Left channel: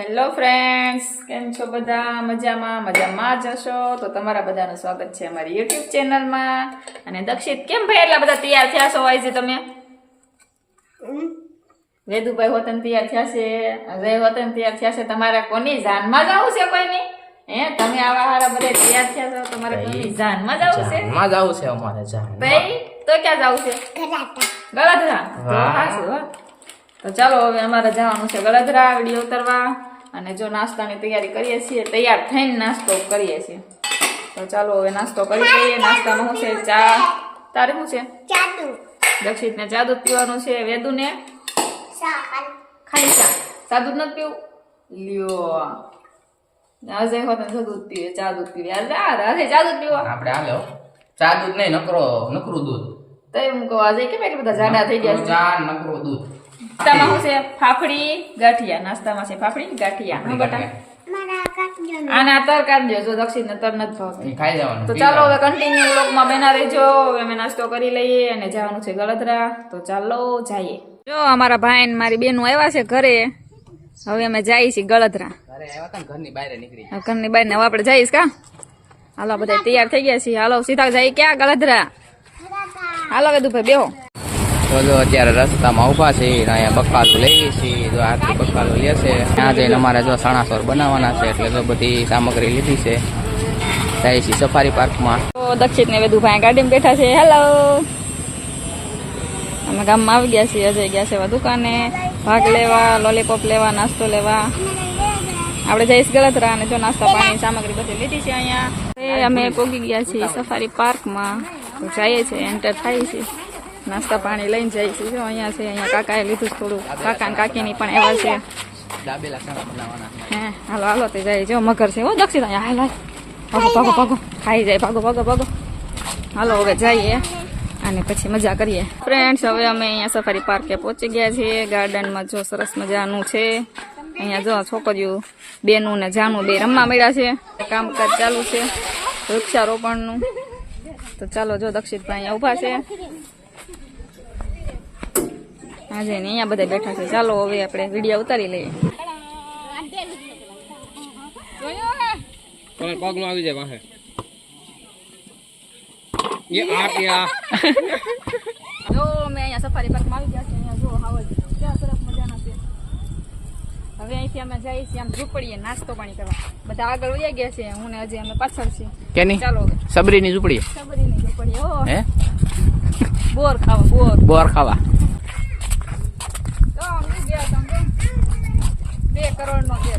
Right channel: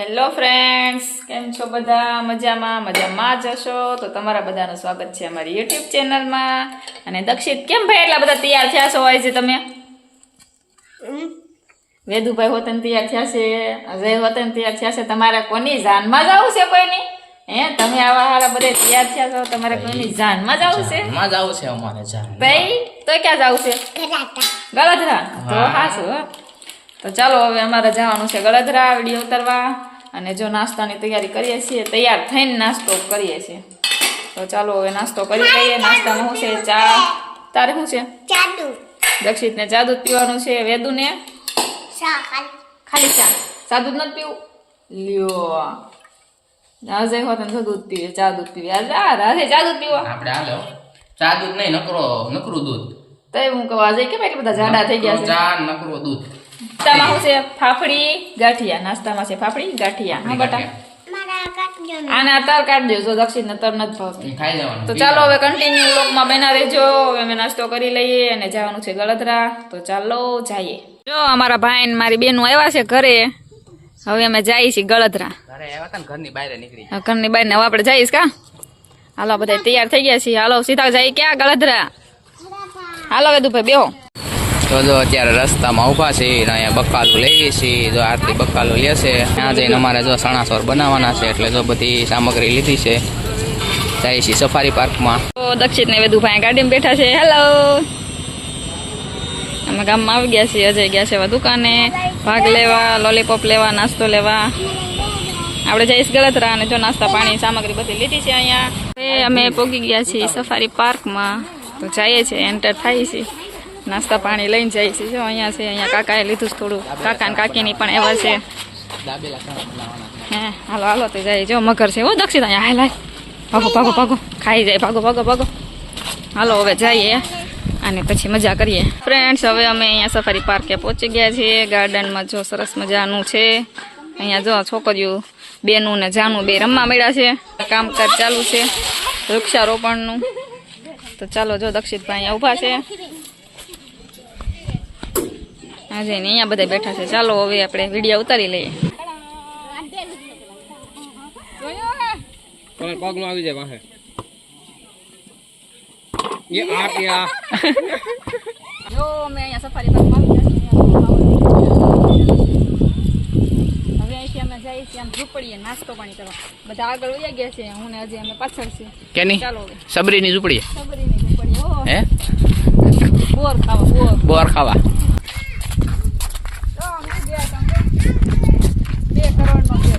Hello friends કેમ છો બધા? મજામાં? મજામાં જ હશો? તો તમારા બધાનું સ્વાગત છે અમારી યુટ્યુબ ચેનલમાં અને દક્ષિત કેમ ભાઈ એટલા બધા તૈયાર થયા છો? હોય છે તમે? વેદુભાઈ હોતન તૈયાર થયા છે. અજય હોતન તૈયાર થયા છે. તમારે કોની જાનમાં જવું છે કોઈની? હે તમે આવા હારા બધા તૈયાર થયા છો. તમારે કોઈની જાનમાં જવું છે માં જ આવું છે અમારે જાન ભાઈ તો ક્યાં જવું છે ગળધરા. તો હા. તો ચાલો હવે અમારે જવાનું છે ગળધરા. વીડિયો ઉતારવા. અને જો નાસ્તાની તૈયારી કરીએ છીએ તૈયાર થઈને નાસ્તો કરીએ છીએ. તો ચાલો હવે નાસ્તો કરી લઈએ. નાસ્તામાં શું છે? ચા. તારે શું છે? જાદુ. દક્ષિતને ચા દૂધ પીવાનું છે. વેદુને? ખાલી. ખાલી ચા. ચા દૂધ નથી પીવું? લ્યો. આજે હોત ને દૂધ પીવે. ચા દૂધ પીવે. રાધે ચા દૂધ પીવા. આપણે હાલો. ચા દૂધ નહીં નકરો નકરું દૂધ. તો હું કહું આજે કેમ એટલા બધા જાડા થઈ ગયા ચા નકરો દૂધ. નાસ્તામાં છે? ફાફડી ગાંઠિયા. નાસ્તામાં છે ફાફડી ગાંઠિયા. હા બટા? તર કાઢ દેજો દક્ષિણ તર નથી ભાવતી. તો ચાલો હવે કન્ટિન્યુ વ્લોગમાં બના રહેજો. હવે અમે નાસ્તો કરી લઈએ અને જવાનું છે ગળદરા. તો ચાલો જઈએ. જો અમારા ભાઈ ને મારી બેનું આવ્યા છે ઘરે. હવે અમે જઈએ છીએ ગળદરા. ઘરની બહાર નીકળી હવે ઘરની બહાર ને હવે આપણે જઈશ કા? હાલો બધા તૈયાર થઈ ગયા છીએ. હાલો સીધા જઈએ ક્યાં? ગળદરા. હાલો વેદુભાઈ બેહો. તો જો અત્યારે રસ્તામાં ઊભા છે અને અહીંયા બકાલું લઈએ છીએ જો આરતી બકાલું લેશે ત્યાં જઈને અમારે જો સણાસોર બનાવવાના છે, એટલે જો બધી સામગ્રી લીધી છે. જાય છીએ સફારી પાર્કમાં. તો દક્ષિત ને ભાઈ ગાડીમાં બેઠા છે. હેલો અમે ગામમાં આવી ગયા છીએ અજય ગયા છે દુકાને. ભાગ લેવા લોલીપોપ લેવા, નાસ્તો લેવા. આપણે જઈશ ગળતરા અને જો નાસ્તા પાણી, સામગ્રી બધી લીધી છે અહીંયા. અમે પોગી ગયા છીએ સફારી પાર્કમાં. તો જઈએ છીએ એન્ટર થાય છે. નાસ્તા પાણી લઈને જાય છે. જો અહીંયા છે અહીંયા કાકાએ લીધું થોડું. કાકા ને કાકીની પણ એવા છે. હે હાલો હાલો તે જાય. જો મગર છે. હો દક્ષિણ અહીંયા હાલ હાલ ભાગો ભાગો ભાગો. ખાઈ જાય. ભાગો ભાગો ભાગો. હાલો હવે જઈએ. અને પછી મજા કરીએ. ફ્રેન્ડ્સ હવે અમે અહીંયા સફારી પાર્કે પહોંચી ગયા છીએ. ગાર્ડનમાં જો સરસ મજાનું છે. અહીંયા જો છોકરીઓ બેનું ને જાનું બે રમવા મળ્યા છે. કામકાજ ચાલુ છે. વૃક્ષારોપણનું. તો ચાલો જો દક્ષિતભાઈ અહીંયા ઊભા છે. આજે ને અહીંયા બધા બેઠા છે. ચાલો હવે આપણે વીડિયો ઉતારી લઈએ. પગલું આવી જાય પાસે એ આ કે આ. જો અમે અહીંયા સફારી પાર્કમાં આવી ગયા છીએ અહીંયા જો હવા હવે અહીંથી અમે જઈએ છીએ આમ ઝૂંપડીએ નાસ્તો પાણી કરવા. બધા આગળ વયા ગયા છે હું ને હજી અમે પાછળ છે કેની? ચાલો હવે. સબરીની ઝૂંપડી સબરીની ઝૂંપડી હો. હે? બોર ખાવા બોર. બોર ખાવા તો અમે ગયા હતા બે કરોડનો બે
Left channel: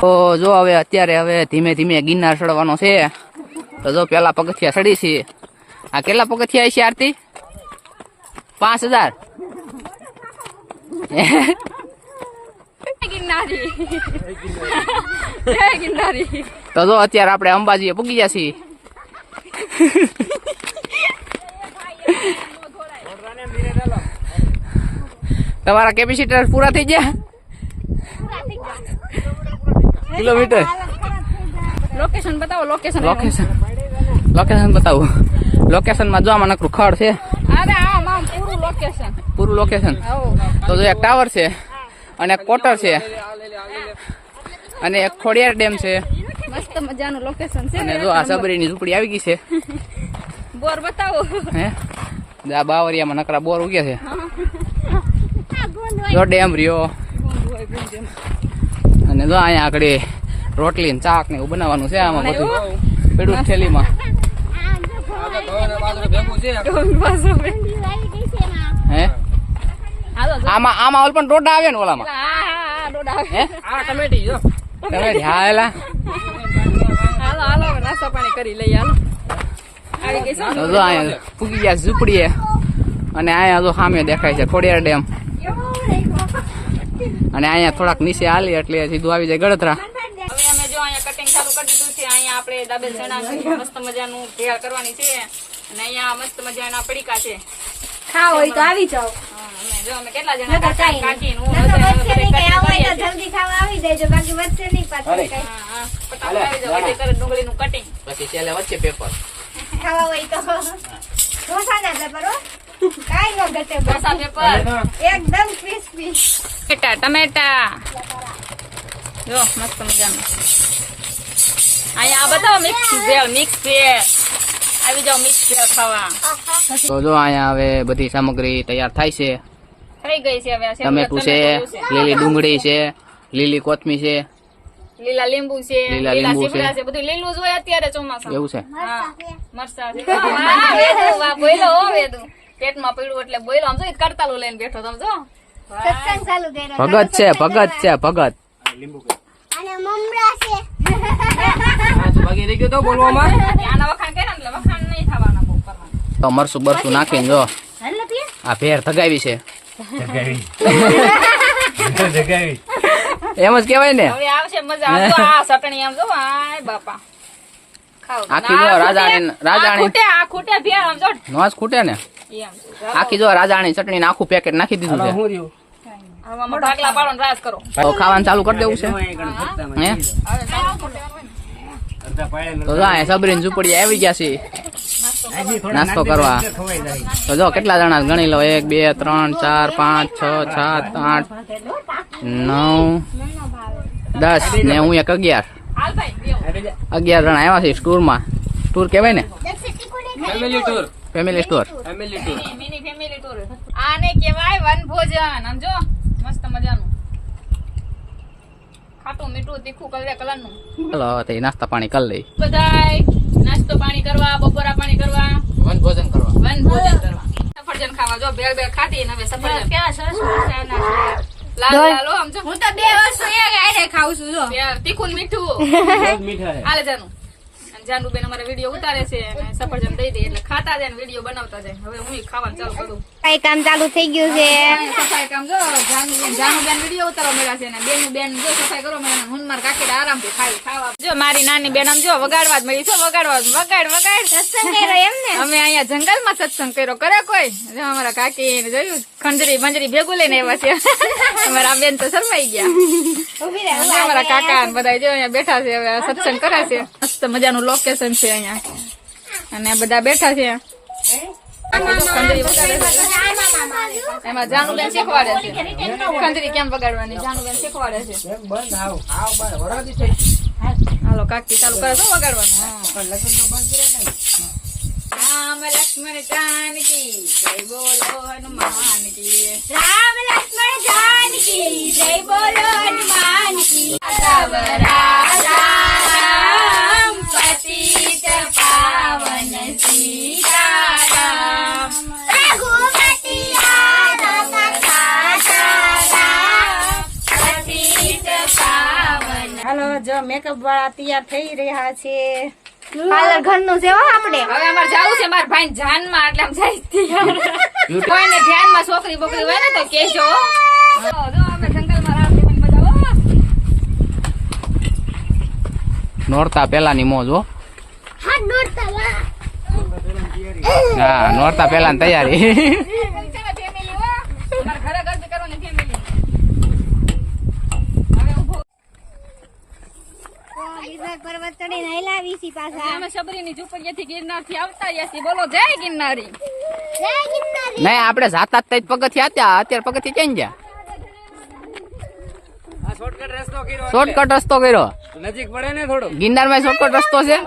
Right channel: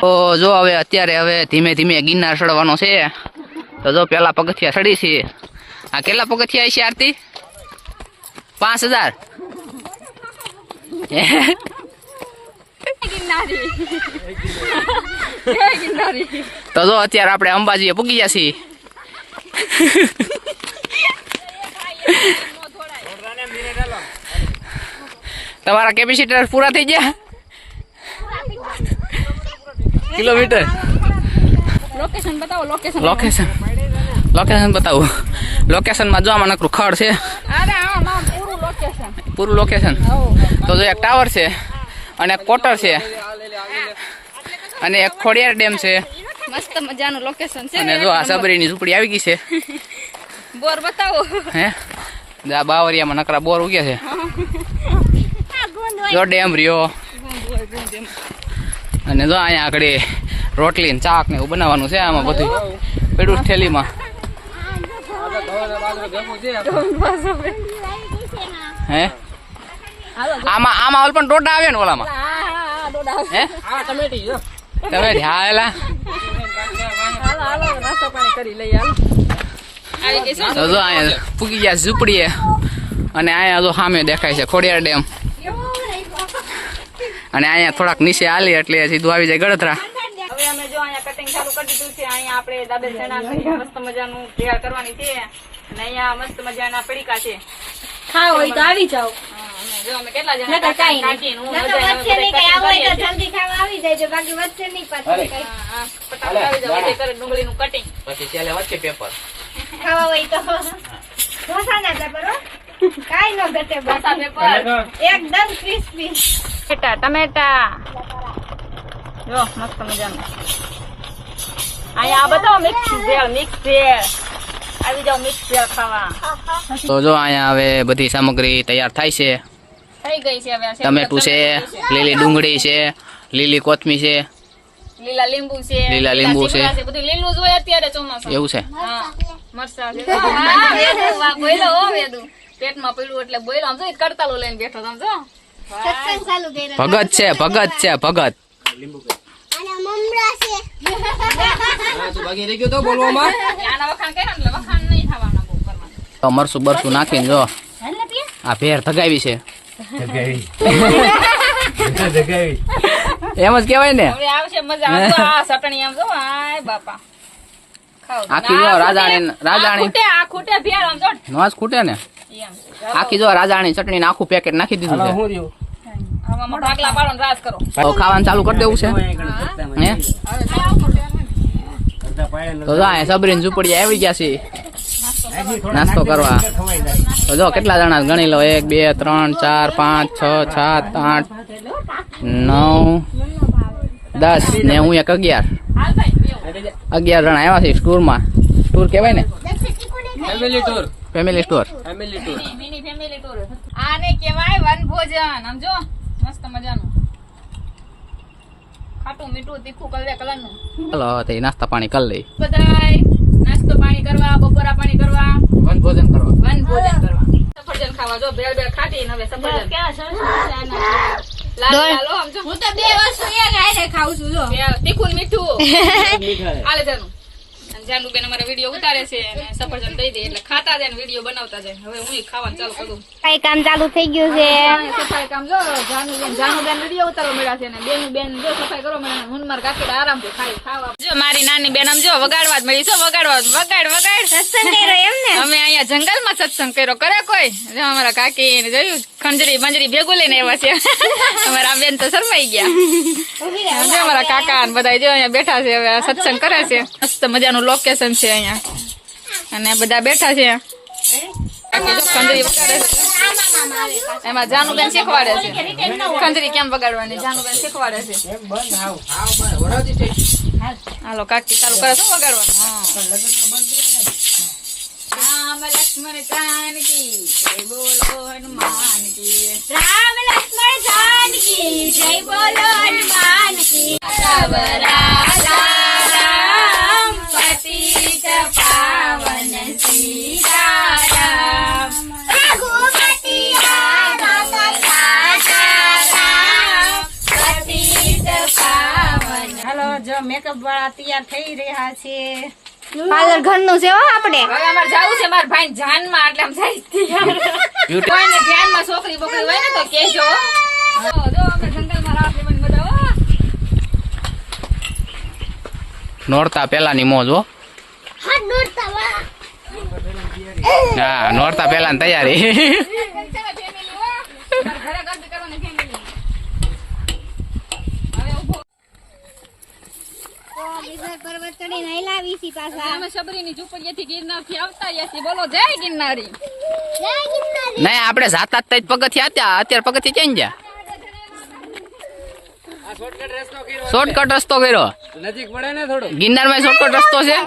તો જો હવે અત્યારે હવે ધીમે ધીમે ગિરનાર ચડવાનો છે. તો જો પેલા પગથિયા ચડી છે. આ કેટલા પગથિયા છે આરતી? પાંચ હજાર? તો જો અત્યારે આપણે અંબાજીએ પૂગી ગયા છીએ. તમારા કેપેસિટર પૂરા થઈ ગયા? કિલોમીટર. લોકેશન બતાવો લોકેશન લોકેશન લોકેશન બતાવું. લોકેશનમાં જોવામાં નકરું ખડ છે. અરે આમ આમ પૂરું લોકેશન પૂરું લોકેશન તો જો એક ટાવર છે અને એક કોટર છે. અને એક ખોડિયાર ડેમ છે. મસ્ત મજાનું લોકેશન છે. અને જો આ સબરીની ઝૂંપડી આવી ગઈ છે. બોર બતાવો. હે? આ બાવરિયામાં નકરા બોર ઉગ્યા છે. જો ડેમ રહ્યો. અને જો અહીંયા આગળ રોટલી ને ચાક ને એવું બનાવવાનું છે આમાં બધું. પેડું થેલીમાં. હે? આમાં આમાં ઓલ પણ ટોટા આવે ને ઓલામાં. હે? ટમેટી જો તો જો અહીંયા પૂગી ગયા ઝૂંપડીએ. અને અહીંયા જો સામે દેખાય છે ખોડિયાર ડેમ. અને અહીંયા થોડાક નીચે હાલી એટલે સીધું આવી જાય ગળતરા. હવે અમે જો અહીંયા કટિંગ ચાલુ કરી દીધું છે. અહીંયા આપણે દાદા ચણા મસ્ત મજાનું તૈયાર કરવાની છે. અને અહીંયા મસ્ત મજાના પડીકા છે. ખાઓ હોય તો આવી જાઓ. જો અમે કેટલા જણા કાકી હું નકર બધા અમે વચ્ચે નહીં કઈ આવું હોય તો જલ્દી ખાવા આવી દેજો બાકી વચ્ચે નહીં પાછું કઈ. હા, હા, આવી જાઓ, કરે ડુંગળીનું કટિંગ પછી છેલ્લે વચ્ચે પેપર ખાવા હોય તો. કાંઈ ન ઘટે બસ. પેપર એકદમ ક્રિસ્પી ટમેટા ટમેટા જો મસ્ત મજાનું અહીંયા આ બતાવો મિક્સ ભેળ મિક્સ ભેળ આવી જાઓ મિક્સ ભેળ ખાવા તો જો અહીંયા હવે બધી સામગ્રી તૈયાર થાય છે થઈ ગઈ છે હવે ટમેટું છે લીલી ડુંગળી છે લીલી કોથમી છે લીલા લીંબુ છે લીલા લીંબુ છે. બધું લીલું જ હોય અત્યારે ચોમાસું એવું છે હા છે પેટમાં પડ્યું એટલે બોલ્યો આમ જો લઈને બેઠો તમે જો. સત્સંગ ચાલુ કર્યો. ભગત છે ભગત છે ભગત. અને મમરા છે. બાકી રહી ગયો તો બોલવામાં? આના વખાણ કે એટલે વખાણ નહીં થવાના બહુ કરવાના. તો મરસું બરસું નાખીને જો. આ ભેર થગાવી છે. એમ જ કેવાય ને. આવશે મજા આ સટણી એમ જો આય બાપા. આખી જો રાજાણી રાજાણી. ખૂટે આ ખૂટે ભેળ આમ જો. ખૂટે ને. આખી જો રાજાની ચટણી આખું પેકેટ નાખી દીધું છે. હું રહ્યું? હવામાં ઢાકલા પાડો ને રાસ કરો. તો ખાવાનું ચાલુ કરી દેવું છે. હે? તો જો સબરીન ઝુંપડી આવી ગયા છે નાસ્તો કરવા. તો જો કેટલા જણા ગણી લો? એક બે ત્રણ ચાર પાંચ છ સાત આઠ નવ દસ. ને હું એક અગિયાર. અગિયાર જણા આવ્યા છે સ્ટોરમાં. ટૂર કહેવાય ને? Family tour family store tour mini family tour આને કહેવાય વનભોજન સમજો મસ્ત મજાનું. ખાટું મીઠું તીખું કલરે કલરનું. ચાલો તે નાસ્તા પાણી કરી લઈ બધાય નાસ્તો પાણી કરવા બપોરા પાણી કરવા. વન ભોજન કરવા. વન ભોજન કરવા. સફરજન ખાવા. જો ભેળ ભેળ ખાધી ને હવે સફરજન. લાલો લાલો આમ જો. હું તો બે વસ્તુ એક ખાઉં છું જો. તીખું મીઠું. આલે જાનું. જાનુબેન અમારે વીડિયો ઉતારે છે અને સફરજન દઈ દે એટલે ખાતા જાય ને વીડિયો બનાવતા જાય. હવે હું ખાવાનું ચાલુ કરું. કઈ કામ ચાલુ થઈ ગયું છે. સફાઈ કામ જો જાનુબેન જાનુબેન વીડિયો ઉતારવા મળ્યા છે અને બેન બેન જો સફાઈ કરો મને હું માર કાકી આરામથી ખાઈ ખાવા. જો મારી નાની બેન આમ જો વગાડવા જ મળી છો વગાડવા વગાડ વગાડ. સત્સંગ કર્યો એમ ને? અમે અહીંયા જંગલમાં સત્સંગ કર્યો કરે કોઈ? જો અમારા કાકી ને જોયું ખંજરી બંજરી ભેગું લઈને આવ્યા છે. અમારા બેન તો શરમાઈ ગયા. અમારા કાકા ને બધા જો અહીંયા બેઠા છે હવે સત્સંગ કરે છે. મસ્ત મજાનું લોકેશન છે અહીંયા. અને બધા બેઠા છે. એમાં જાનુબેન શીખવાડે છે. ખંજરી કેમ વગાડવાની? જાનુબેન શીખવાડે છે. હાલો, કાકી ચાલુ શું વગાડવાનું? રામ લક્ષ્મણ જય બોલો પતિત પાવન સીતારામ રઘુપતિ રામ હાલો જો મેકઅપ વાળા તૈયાર થઈ રહ્યા છે. પાર્લર ઘરનું છે આપણે. હવે અમારે જાવું છે મારા ભાઈ જાનમાં એટલે આમ જાય કોઈને ધ્યાનમાં છોકરી બોકરી હોય ને તો કહેજો હો. જો અમે જંગલમાં રાત લેવાની બધા હો. નોરતા પહેલાની મોજ હો. હા નોરતા પહેલા તૈયારી. ને. પર્વત ચડીને હલાવી છી પાછા. અમે સબરીની ઝૂંપડીએથી ગિરનારથી આવતા રહ્યા છીએ બોલો જય ગિરનારી. જય ગિરનારી નહીં આપણે જાતા જ પગથિયા હતા. અત્યારે પગથી ક્યાં ગયા? શોર્ટકટ રસ્તો કર્યો શોર્ટકટ રસ્તો કર્યો? નજીક પડે ને થોડું. ગિરનારમાં શોર્ટકટ રસ્તો છે?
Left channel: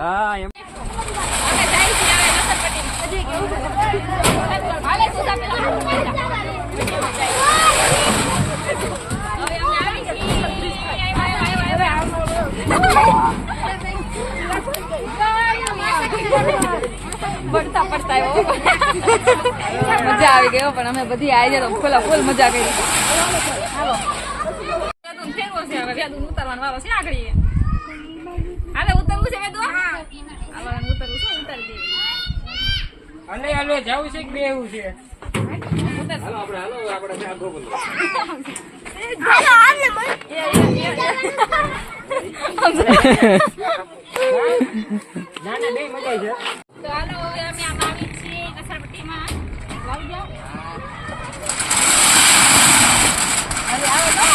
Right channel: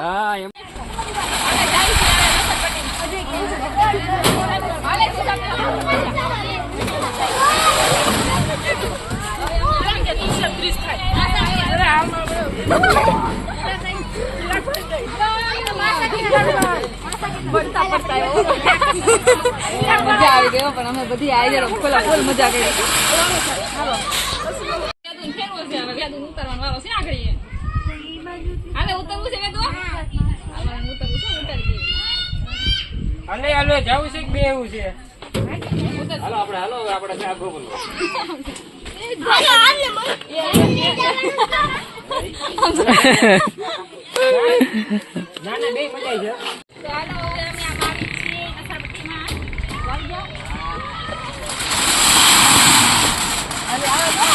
મજા આવી ગયો પણ અમે બધી આવી જાય ફૂલ ફૂલ મજા કરી. હાલો વ્યાદુન ફેરવો છે હવે વારો છે આગળ. હાલે ઉતરવું છે વેદુ આમાં ઉતરવું છે ઉતારી દઈએ. હાલે હાલે જાવું છે કે બે એવું છે? હાલો આપણે હાલો આપણે ત્યાં ગોગલ હાલો આમને મળ ના ના બે મજા આવી તો હાલો હવે અમે આ આવી છીએ નશાપટ્ટીમાં વાળી જાઓ હવે આવો તો.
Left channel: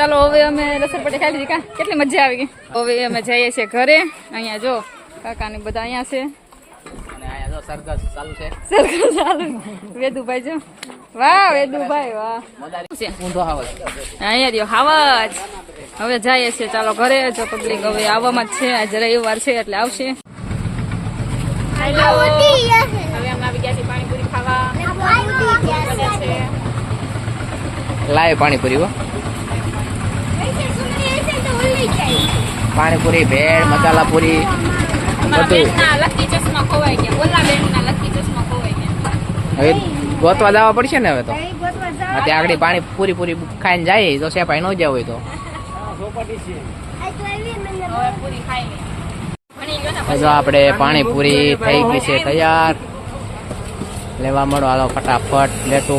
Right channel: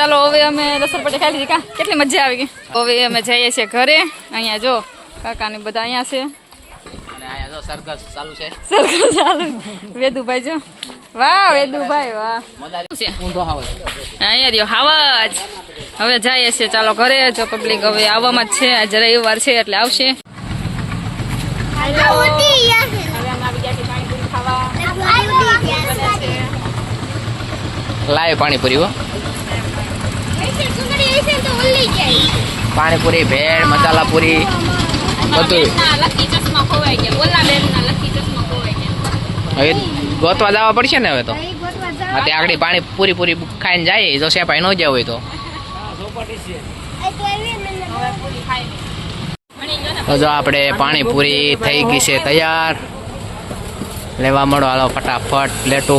ચાલો હવે અમે લસરપટ્ટી ખાઈ લીધી. કા કેટલી મજા આવી ગઈ? હવે અમે જઈએ છીએ ઘરે. અહીંયા જો કાકા ને બધા અહીંયા છે. અહીંયા સરઘસ ચાલુ છે. સરખું ચાલુ. વેદુભાઈ જો. વાહ વેદુભાઈ વાહ. મજા શું છે? ઊંધો આવે અહીંયા રહ્યો હાવજ હવે જઈએ છીએ ચાલો ઘરે. જો પબ્લિક હવે આવવામાં જ છે. આજે રવિવાર છે એટલે આવશે. લાય પાણીપુરી હો પાણીપુરી ભેળ મસાલા પૂરી બધું લકી ચશ્મા ખોવાઈ ગયા ઓલા બેનના લકી ભેળ મસાલાપુરી બધું હવે ગોતવા જવા પડશે ને હવે તો? ત્યાં આગળ પાણી પૂરી પૂરી ખાઈને જાય જો સેપાઈ ન જાવ હોય તો. પૂરી ખાઈ ભણી ગયો ને તો જો આપણે પાણીપુરી થઈ ગઈ છે તૈયાર. લેવા મળો હાલો ફટાફટ પ્લેટો.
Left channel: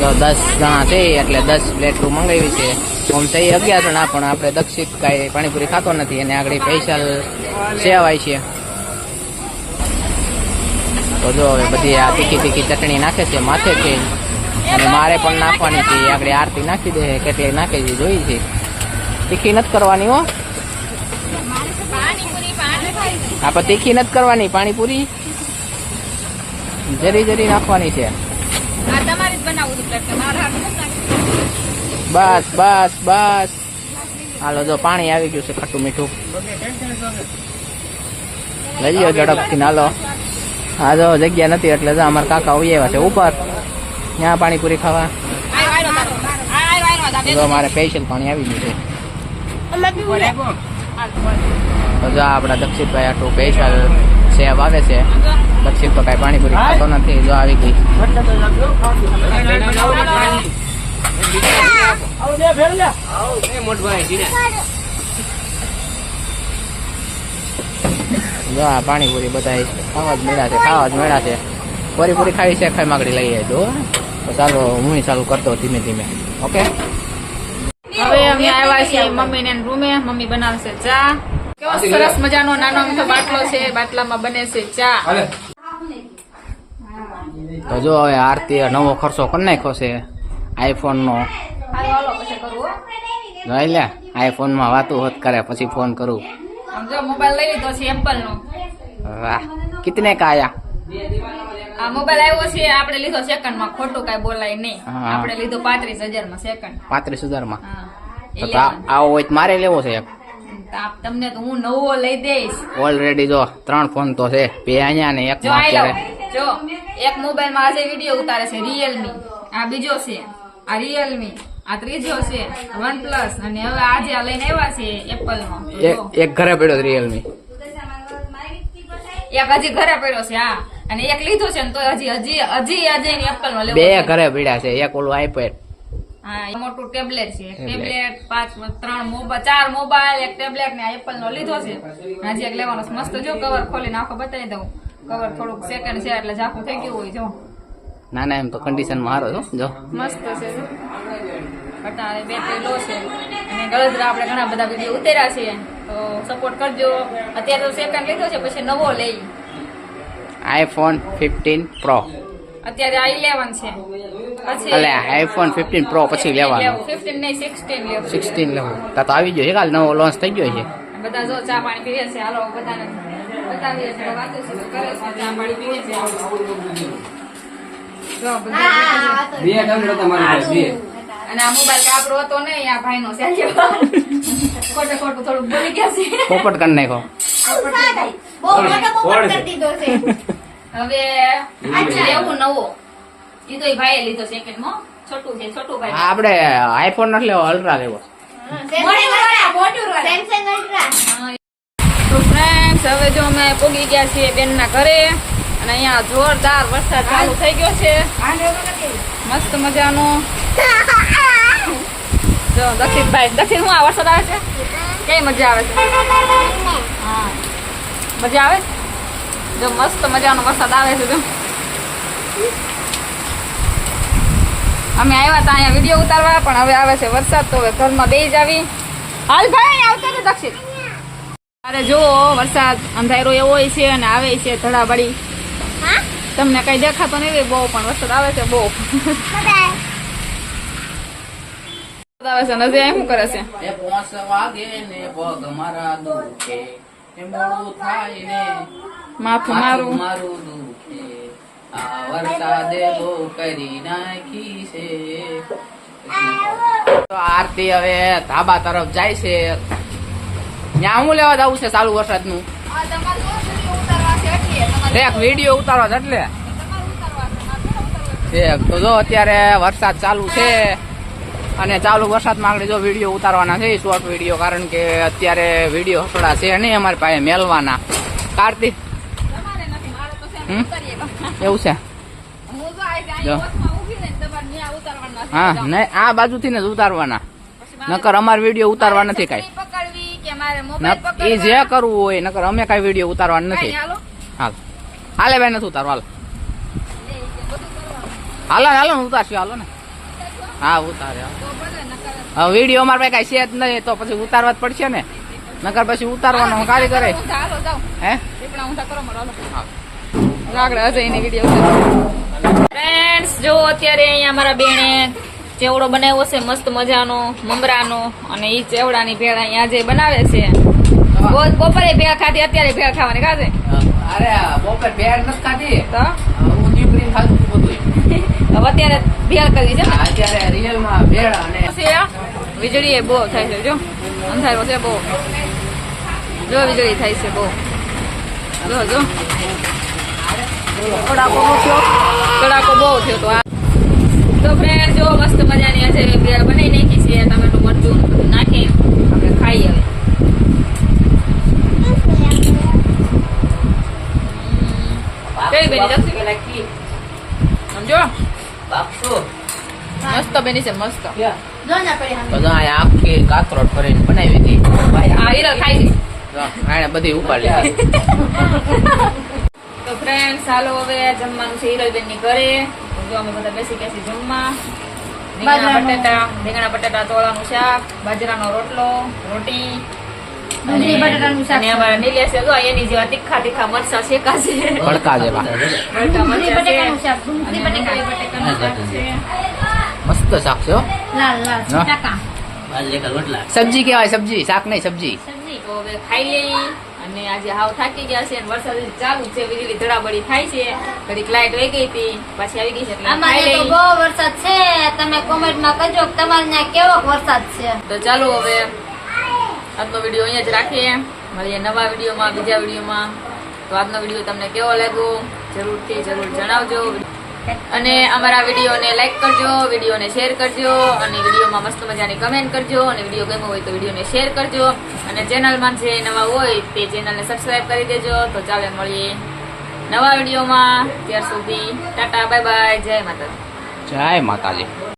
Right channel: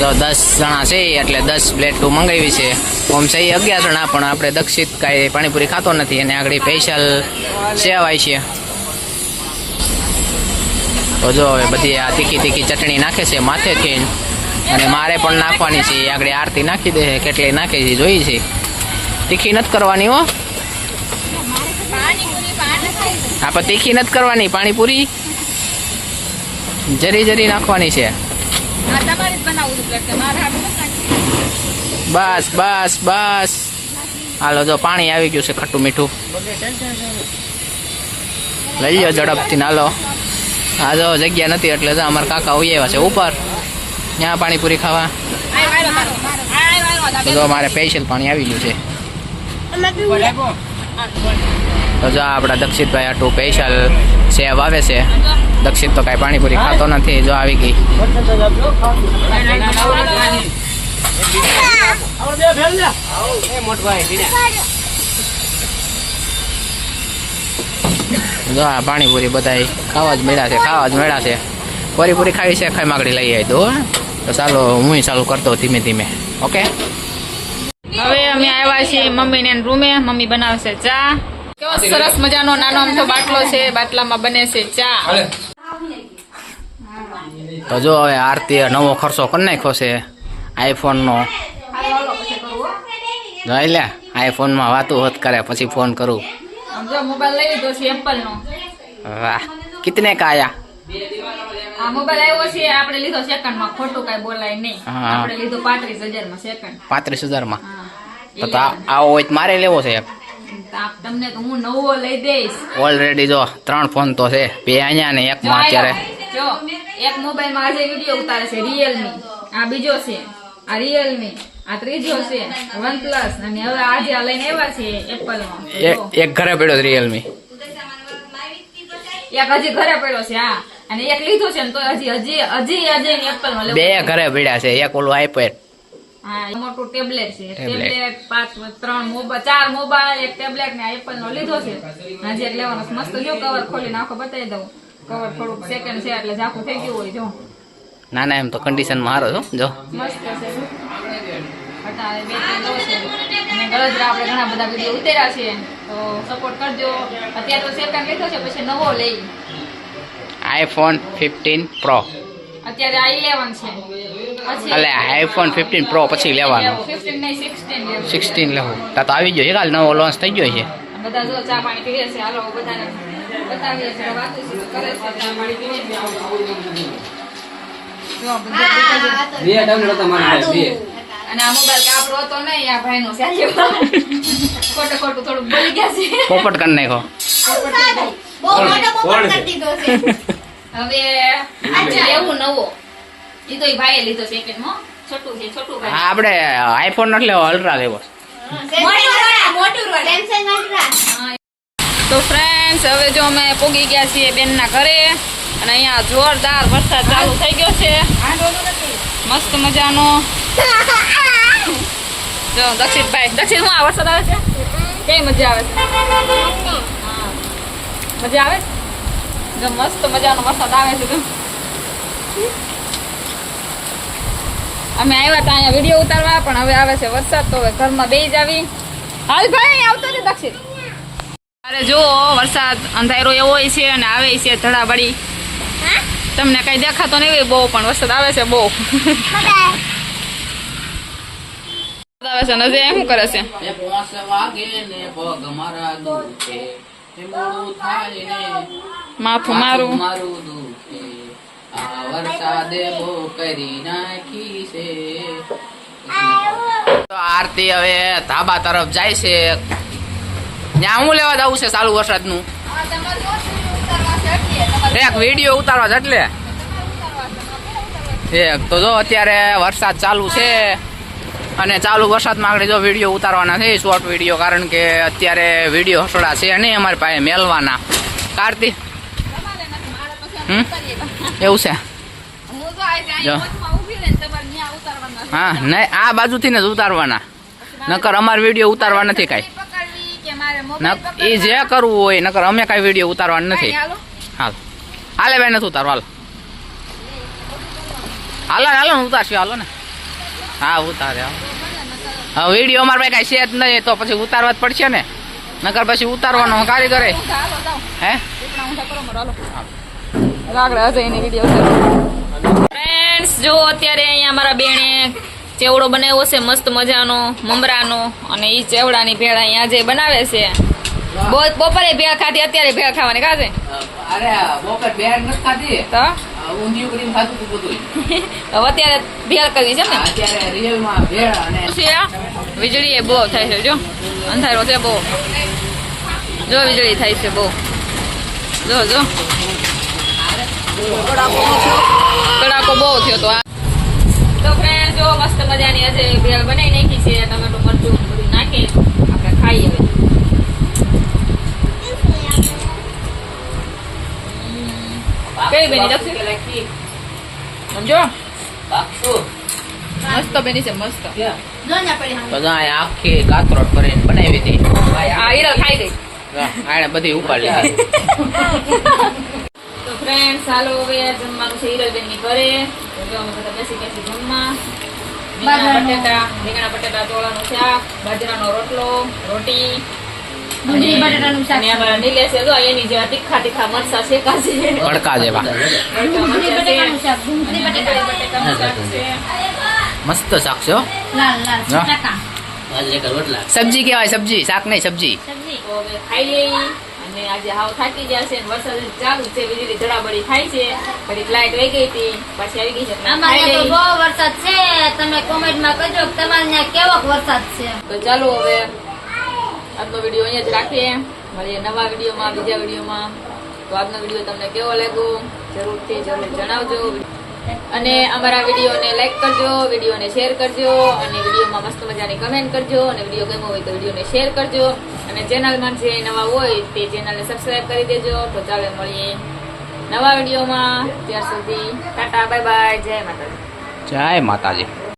તો દસ જણા છે, એટલે દસ પ્લેટું મંગાવી છે. ઓમ છે એ અગિયાર જણા, પણ આપણે દક્ષિત કાંઈ પાણીપુરી ખાતો નથી, અને આગળ સ્પેશિયલ સેવાય છે. તો જો હવે બધી આ તીખી તીખી ચટણી નાખે છે માથેથી, અને મારે પણ નાખવાની છે. એ આગળ આરતી નાખી દે, કેટલી નાખે છે, જોઈ છે. તીખી નથી કરવાની હો. આપણે તીખી નથી કરવાની, પાણીપુરી જરી જરી નાખવાની છે. બસ બસ બસ. હાલો જો પાણી આવી ગયું છે ખટ્ટું મીઠું. લઈ લો ઝડપથી હાલો. હા જો જગ્યા નથી એટલે જો અમારા કાકા ઉઈ આવ્યા છે ઉપર. ત્યાં પાણીપુરી ખાવા. જો મારે સ્પેશિયલ પાણી આવી ગયું છે. તો જો આપણા દક્ષિતભાઈ આટલું સ્પેશિયલ સેવ આવે છે. દક્ષિત તો કાંઈ પાણીપુરી ખાતો નથી જો આવી ગઈ. જો આ પાણીપુરી બધા ખાવા જ મળ્યા છે ખાવા જ મળ્યા છે. પૂરી પૂરી ખાવી છે ખાઈ માગડી લઈ આવી દો તો ચાલો હું ચાલુ કરતો ધીમે ધીમે. ઓકે? હવે અમે આવ્યા છીએ મમ્મી ને રૂમે. મમ્મી બનાવશે છે ચા. કેવો સરસ મજાનો નાનો અમથો બાટલો છે બાટલામાં બને છે ચા. તો જો હવે આરતી નવો ખર્ચો કરી નાખ્યો છે આઈફોનનો જોઈ લે આઈફોનમાં વાતું હોત કરે પછી ફોન કરું. મોબાઈલ લઈ લીધો છે એપલ વાહ કિતને કા આયા? આ મોબાઈલ આવ્યો છે આપણે લીધો સેકન્ડ ખોટું કઈ બોલાય નહીં. આપણે લીધો પાંત્રીસ હજારમાં સેકન્ડ પાંત્રીસ હજારમાં? તો આવો હોય મારે લેવો છે એક. તો આપ તમને હું નવો લઈ દઈશ. ઓલરેડી જો ત્રણ ફોન તો છે. બે અહીંયા ને એક માં અત્યારે જો એક મોબાઈલમાં આજે વીડિયો ઉતારે છે રિયલમી આ બીજો છે. આ રિયલમી આ ત્રીજો છે વન પ્લસ અને હવે આજે આ લઈને આવ્યા છે એપલ નો એક ઘરે પડ્યો રિયલમી એક હજી ઘરે પડ્યો છે હા. અને એક લીધો છે ને તો હજી હજી હજી આજે એપલ નો લેવો બે ઘરે પડ્યા છે એક ઓલું આઈપેડ હા મોટું ટેબ્લેટ છે. ટેબ્લેટ. ટેબ્લેટ પાંચ ત્રણ મોબાઈલ ચાર મોબાઈલ એક ટેબ્લેટ ને એપલ નો લીધો છે. હજી એક લેવાનો મસ્ત જો કવર ખોલીને આખો બતાવી દઉં. કવર થોડુંક સેકન્ડ છે એટલે ઝાકું થઈ ગયું હોય જો. ના ના એમ તો કન્ડિશનમાં હારો છો જો. મસ્ત છે અત્યારે બેટરી લો છે. અને ગળદરા આપણે ઘણા બધા વીડિયો ઉતાર્યા છે તો સપોર્ટ કરજો. અત્યારે તો સેકન્ડ લીધો છે પછી નવો લઈ. આઈફોન ફિફ્ટીન પ્રો અત્યારે આ ઇલેવન છે. પછી એટલે આઈફોન ફિફ્ટીન પ્રો પછી લેવાનો. ફિફ્ટીન નહીં સિક્સટીન લેવું. સિક્સટીન લેવું. તા આવી ગયો છે કાલ નવો લોન્ચ થઈ ગયો છે. બધા જો ચા પાણી પીવે છે હાલો બધાને. બતાવીએ છે વાતો છે કરે છે અને આ મોબાઈલ કાપડો હતો નહીં આ ભાઈનો છે ખોટું ખોટું થોડુંક બોલી ગયા છે પોપટ કરી નાખો હવે એવું નવો એ તો ભાઈએ લીધો સેકન્ડમાં છોટું છે છોટું ભાઈ આપણે આઈફોન નથી લેવો અલ્ટ્રા લેવો તો ફ્રેન્ડ્સ હવે જો અમે પોગી ગયા છીએ બેનના ઘરે, અને અહીંયા જોરદાર વરસાદ ચાલુ થઈ ગયો છે. મસ્ત મજાનો. જો દક્ષિતભાઈ દક્ષિત હું આ વરસાદ આવે છે? કઈ મજા આવે છે? હા. મજા આવે? જો, મસ્ત મજાનો વરસાદ આવે છે જો. અમે આવ્યા હતા અહીંયા વીડિયો ઉતારવા, પણ હવે આવે છે વરસાદ, તો હવે ઘરમાં બે જ આવી હાલ ભાઈ આવતો ને દક્ષિત અરે જો વરસાદ અંધારો એવો છે અને આવે છે ધડાબડી. તમને કઈ દેખાતો નહીં બહુ પણ વરસાદ આવે છે બહુ. આવે છે નજે શું કરે છે? એ પોસ વાગે ને પગ મારા દુખે. એ મોડું થાય ને માથું મારું. મારું આ વરસાદે કરી નાખી છે. તો આરતી હવે ધાબા તરફ જાય છે. ત્યાં હું લેવા જવું છે ચાલુ વરસાદનું? એક વીડિયો ઉતારવા છે એક, તો જો અત્યારે વરસાદ ચાલુ છે. અને ચાલુ વરસાદમાં આગળ જો વીડિયો ઉતારવાના છે શોર્ટ વીડિયો, કારણ કે અત્યારે વીડિયો હસોડા છે નહીં અમારી પાસે મેલવાના. કાર્તિક? એવું છે? જો. હા નહીં આ બાજુથી ને જ ઉતારવાના. નકર અમારે વીડિયો ઉતારવા નથી કાંઈ. એ જે કરવું હોય નકર અમે કાંઈ વીડિયો ઉતારવાના નથી. હાલ. હાલે. બેન નથી ઉતારો હાલ. હાલો ને હાલો ને ઉતારશું હાલો ને. હા ઉતારે હા વીડિયો અમારે પાસે કાંઈ છે જ નહીં તો પછી ઉતારવા જ પડશે ને. નકર પછી ઉતારવાનો કારીગરે હે? આગળ અજયની વીડિયો ફ્રેન્ડ્સ જો અત્યારે અહીંયા અમારા બેણે ચેવડો બનાવ્યો છે મસ્ત મજાનો મમરાનો અને એ ચેવડાની ભેળ અહીંયા જે બનાવે છે. બહુ બપોરે ભેળ ખાધી અત્યારે ભેળ ખાવાની હવે અત્યારે ભેળ કરવી છે ને? ભેળ વીજળી એ બહુ થાય છે જો. અંધારો છે બહુ. જો વીજળી થાય છે બહુ. જો જો. કડાકો બહુ થયો તો આ જો મસ્ત મજાની આજે બનાવી નાખી છે ટમેટું મરચું બધું નાખી આપણે ખાઈ હવે બની સમજો? મસ્ત બેની છે મસ્ત. બધા આખી કાકરોટ કરીને બનાવી હતી બધી ઉપાડી લીધી. ફ્રેન્ડ ચાલો હવે જમવાનું છે હીરોબેનની ઘરે. જો અમે બધા બેસી બેસી જમવા. રીંગણા બટેટા રીંગણા બટેટા તોળાનું શાક બાજરાનો રોટલો રોટી. ડુંગળી બટાટાનું શાક. અને અમારા નિલેશ છે જો એની જેવા તીખા તીખા મરચા શેકા છે ભડકા જેવા. ડુંગળી બટાકાનું શાક ડુંગળી બટેકાનું શાક. છે. મસ્ત શાક છે. લાલ લાલ સબ્જી કેવાય સબ્જી. શાક નહીં સબ્જી. ખાઈ લઈ આજે હાવ થાકી ગયા છે વરસાદ ચાલુ છે વીજળી ધડાબડી થાય છે. ઘડીક લાઈટ રહી ગઈ હતી પાછી આવી ગઈ છે અમારે તો બહુ વરસાદ છે તમે કોમેન્ટમાં કહેજો કે તમારે ત્યાં કેવો વરસાદ છે. તો ચાલો હવે આજનો વીડિયો અહીંયા જ રાખીએ. મળીએ નવા વિડીયોમાં બીજા વિડીયોમાં. તો આજનો વીડિયો તમને કેવો લાગ્યો? જરૂરથી જરૂર જણાવજો. અને અમારા વિડીયોને લાઇક કરજો, વિડીયોને શેર કરજો, અને વિડીયોમાં મસ્ત મજાની કમેન્ટ કરજો, અને વીડિયો ગમ્યો હોય તો વિડીયોને શેર કરજો. અને ચેનલમાં જે નવા હોય તે ચેનલને સબસ્ક્રાઈબ કરી દેજો. તો ચાલે મળીએ નવા વિડીયોમાં. ત્યાર સુધી ટાટા બાય બાય જય માતાજી. જય માતાજી.